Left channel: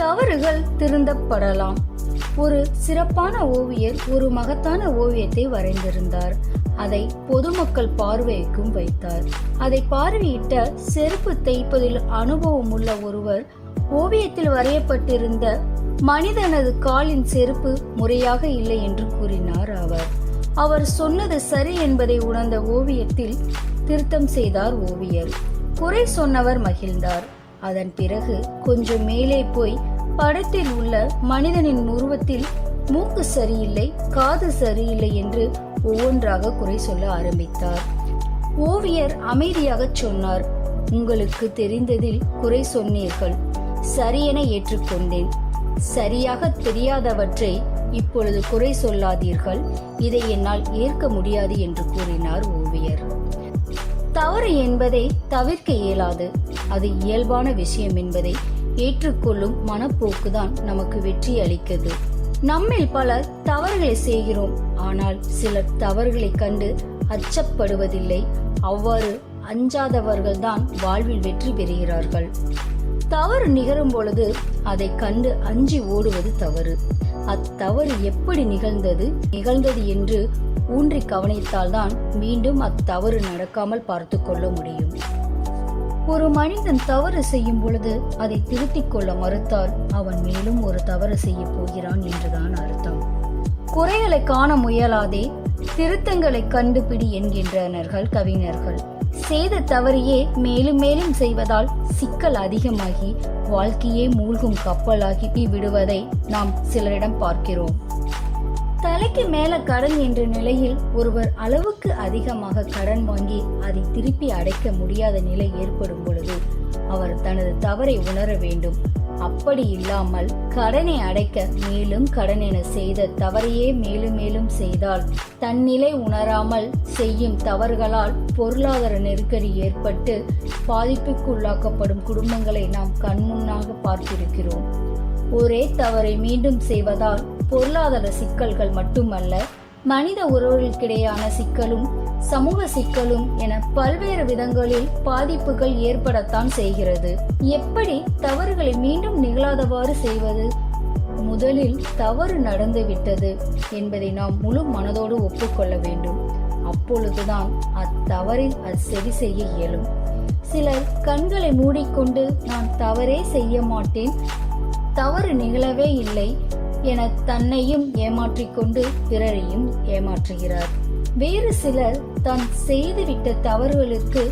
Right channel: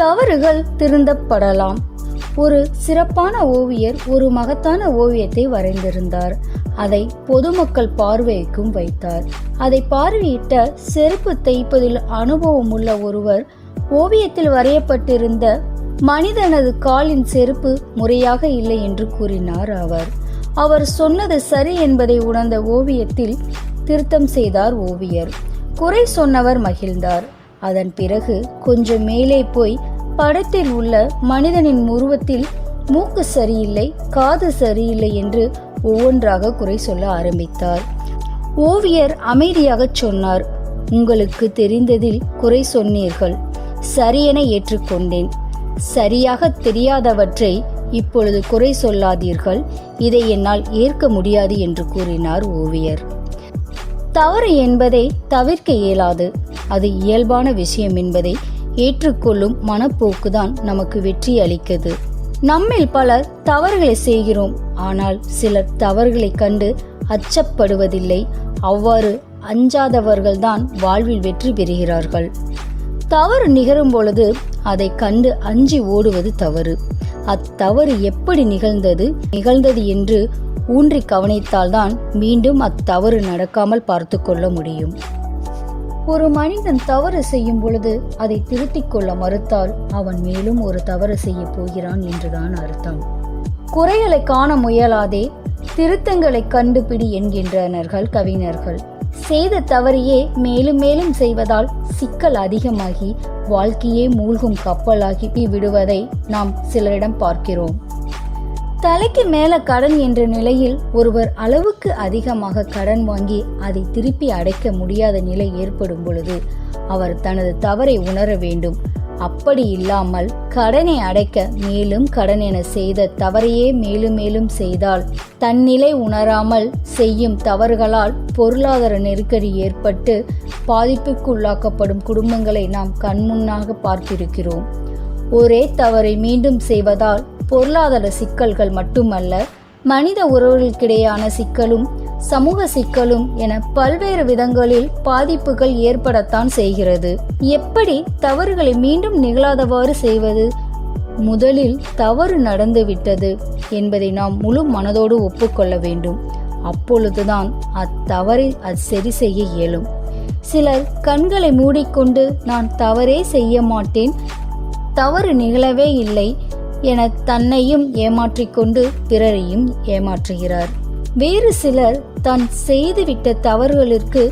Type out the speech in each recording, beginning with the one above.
தவறுகள் திருந்தப்படலாம். ஒரு சிறப்பான ஓவியர் ஒரு மகத்தான ஓவியத்தை வரைந்திருந்தார். அதை பொதுமக்கள் பார்வைக்கும் வைத்தார். அதை பார்வையிட்ட செருப்பு தைப்பதில் அனுபவம் உள்ள ஒருவர் ஓவியத்தில் வரையப்பட்டிருந்த மனிதனது காலின் செருப்பு முறையாக இல்லை என்று கூறினார். அவர் சொன்னது சரி என்பதை உணர்ந்த ஓவியத்தில் திருத்தம் செய்தார் ஓவியர். குறை சொன்னவர் மகிழ்ந்தார். அதன் பிறகு கொஞ்சம் மேலே போய் படத்தில் உள்ள மனிதனின் உருவத்தில் மூக்கு சரியில்லை, காது சரியில்லை என்று ஒவ்வொன்றாக குறை சொல்ல ஆரம்பித்தார். ஓவியர் அமைதியாக சொன்னார், உங்களுக்கு தெரிந்ததில் குறை சொன்னீர்கள், சரியென ஏற்றுக்கொண்டேன். சரியாக தெரியாதவற்றை இப்பொழுது குறை சொல்லாதீர்கள், இதை என்னால் ஏற்க முடியாது என்று கூறினார் ஓவியர். தவறு என்பதை தவிர்க்க இயலாது, அது இயல்பான விஷயம் என்பதை ஏற்றுக்கொள்ளும் மனப்போக்குதான் நமக்கு வெற்றி அளிக்கிறது. நம்மில் பலர் தவறுகளை செய்கிறோம், ஆனால் சிலர் தவறுகளை கண்டு அச்சப்படுவதில்லை. அவ்வாறு அஞ்சாதவர்கள்தான் வாழ்வில் வெற்றி பெறுகிறார்கள். தவறு நிகழும் பொழுது அதை கண்டு அஞ்சி ஓடுவது தவறு. அத்தவறு எப்படி நிகழ்ந்தது என்று ஊன்றி கவனித்தால்தான் மீண்டும் அத்தவறு நடக்காமல் பார்த்து கொள்ள முடியும். ஒரு மனிதன் தவறு செய்யும் பொழுது அதை திருத்திக் கொள்ள மறுத்தால் அவன் மேலும் ஒரு தவறு செய்ய போகிறான் என்றுதான் அர்த்தம். குறைகளை காண முயலாதே, திருத்தங்களை கண்டுபிடி என்கின்றனர்கள் கவிஞர்கள். செய்த தவறையே மேலும் மேலும் செய்வதால் சிக்கல் அதிகமாகி வாழ்க்கையே மூழ்கும் கப்பலாகி விடுவதை நாம் சிலரிடம் பார்க்கிறோம். தலைக்கு மேல கடன் என்ற நிலையில் ஒருவர் அளவுக்கு அதிகமாக கடன் வாங்கி அதை திருப்பி அடைக்க முடியாத நிலை ஏற்படும் பொழுது அவர் தனது தவறை உணர வேண்டும். அப்படி இல்லாமல் கடனை அடைக்க மேலும் கடன் என செய்த தவறையே மேலும் மேலும் செய்தால் தன்னிலை உணராமல் செய்யும் தவறுகளால் பொருளாதார நெருக்கடி ஏற்பட்டு பாதிப்புக்கு உள்ளாக்கப்படும் குடும்பங்களை நாம் கண்முன்னாக பார்த்திருக்கிறோம். ஒரே தவறை மீண்டும் செய்வதால் பொருளாதார சிக்கல்கள் மட்டுமல்ல, மனித உறவுகளுக்கிடையான சிக்கலும் சமூக சிக்கலும் என பல்வேறு விதங்களில் பாதிப்புகள் ஏற்படத்தான் செய்கிறது. எப்படி தவறுகளை மீண்டும் நிகழாதவாறு செய்வது? முதலில் தவறு நடந்துவிட்டது என்பதை நாம் முழு மனதோடு ஒப்புக்கொள்ள வேண்டும். அப்பொழுதுதான் அத்தவறை சரி செய்ய இயலும். சிலர் கண்களை மூடிக்கொண்டு நான் தவறே செய்ய மாட்டேன், தவறு நிகழவே இல்லை என தன்னையும் ஏமாற்றிக்கொண்டு பிறரையும் ஏமாற்றுகிறார். வேறு சிலர் தான் செய்துவிட்ட தவறுகளுக்கு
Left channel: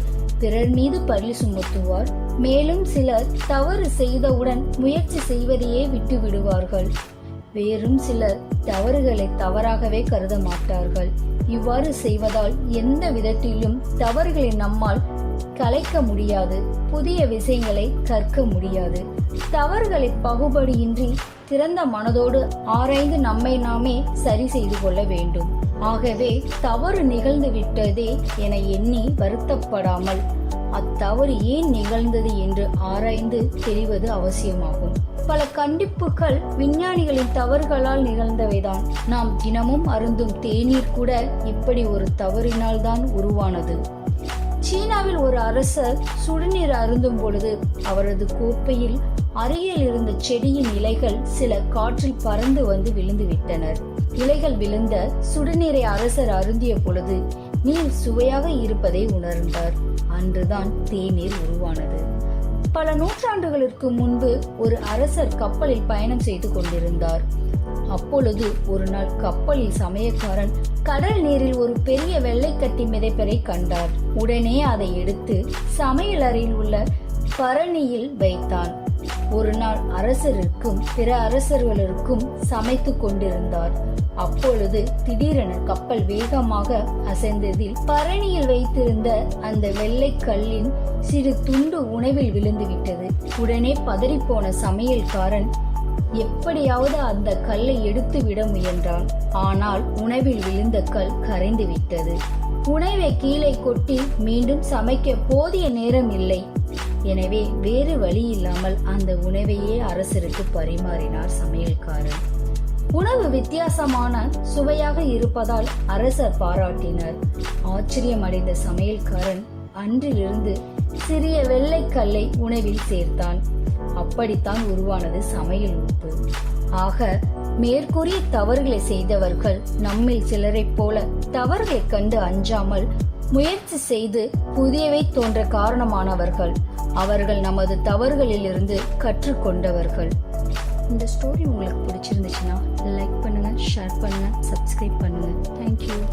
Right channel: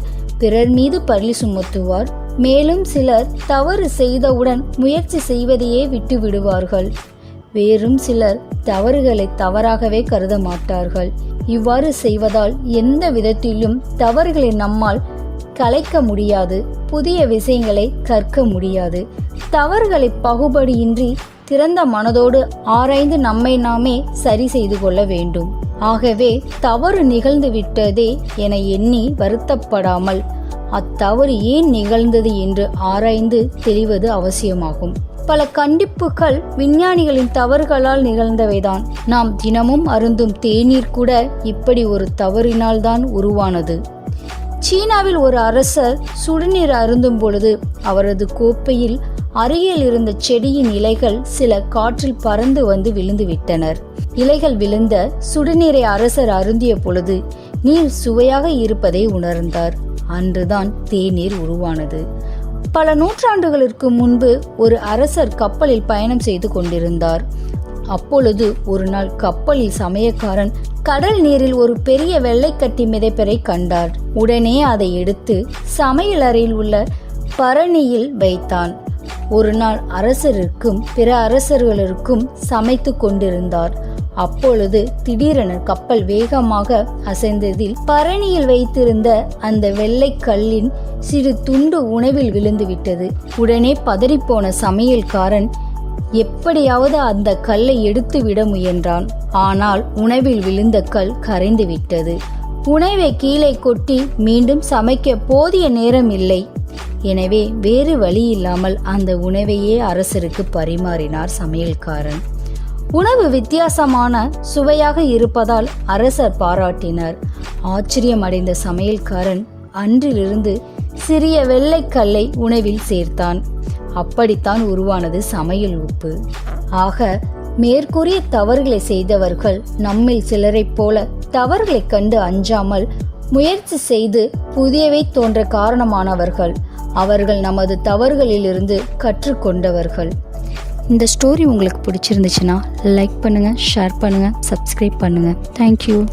பிறர் மீது பழி சுமத்துவார். மேலும் சிலர் தவறு செய்தவுடன் முயற்சி செய்வதையே விட்டு விடுவார்கள். வேறும் சிலர் தவறுகளை தவறாகவே கருத மாட்டார்கள். இவ்வாறு செய்வதால் எந்த விதத்திலும் தவறுகளை நம்மால் கலைக்க முடியாது, புதிய விஷயங்களை கற்க முடியாது. தவறுகளை பகுபடியின்றி திறந்த மனதோடு ஆராய்ந்து நம்மை நாமே சரி செய்து கொள்ள வேண்டும். ஆகவே தவறு நிகழ்ந்து விட்டதே என எண்ணி வருத்தப்படாமல் அத்தவறு ஏன் நிகழ்ந்தது என்று ஆராய்ந்து தெரிவது அவசியமாகும். பல கண்டிப்புகள் விஞ்ஞானிகளின் தவறுகளால் நிகழ்ந்தவைதான். நாம் தினமும் அருந்தும் தேநீர் கூட இப்படி ஒரு தவறினால் தான் உருவானது. சீனாவில் ஒரு அரசர் சுடுநீர் அருந்தும் பொழுது அவரது கோப்பையில் அருகில் இருந்த செடியின் இலைகள் சில காற்றில் பறந்து வந்து விழுந்து விட்டனர். இலைகள் விழுந்த சுடுநீரை அரசர் அருந்திய பொழுது நீர் சுவையாக இருப்பதை உணர்ந்தார். அன்றுதான் தேநீர் உருவானது. பல நூற்றாண்டுகளுக்கு முன்பு ஒரு அரசர் கப்பலில் பயணம் செய்து கொண்டிருந்தார். அப்பொழுது ஒரு நாள் கப்பலில் சமையக்காரன் கடல் நீரில் ஒரு பெரிய வெள்ளைக்கட்டி மிதப்பரை கண்டார். உடனே அதை எடுத்து சமையல் அறையில் உள்ள பரணியில் வைத்தான். ஒரு நாள் அரசருக்கும் பிற அரசர்களுக்கும் சமைத்து கொண்டிருந்தார். அப்பொழுது திடீரென கப்பல் வேகமாக அசைந்ததில் பரணியில் வைத்திருந்த அந்த வெள்ளைக்கல்லின் சிறு துண்டு உணவில் விழுந்து விட்டது. உடனே பதறிப்போன சமையல்காரன் எப்படியாவது அந்த கல்லை எடுத்து விட முயன்றான். ஆனால் உணவில் விழுந்த கல் கரைந்து விட்டது. உணவை கீழே கொட்டி மீண்டும் சமைக்க போதிய நேரம் இல்லை. எனவே வேறு வழி இல்லாமல் அந்த உணவையே அரசருக்கு பரிமாறினார் சமையல்காரன். உணவு வித்தியாசமான சுவையாக இருப்பதால் அரசர் பாராட்டினார். ஆச்சரியமடைந்த சமையல்காரன் அன்றிலிருந்து சிறிய வெள்ளைக்கல்லை உணவில் சேர்த்தான். அப்படித்தான் உருவானது சமையல் உப்பு. ஆக மேற்கூறிய தவறுகளை செய்தவர்கள் நம்மில் சிலரைப் போல தவறுகளைக் கண்டு அஞ்சாமல் முயற்சி செய்து புதியவை தோன்ற காரணமானவர்கள். அவர்கள் நமது தவறுகளிலிருந்து கற்றுக்கொண்டவர்கள். இந்த ஸ்டோரி உங்களுக்கு பிடிச்சிருந்துச்சுன்னா லைக் பண்ணுங்கள், ஷேர் பண்ணுங்கள், சப்ஸ்கிரைப் பண்ணுங்கள். தேங்க்யூ.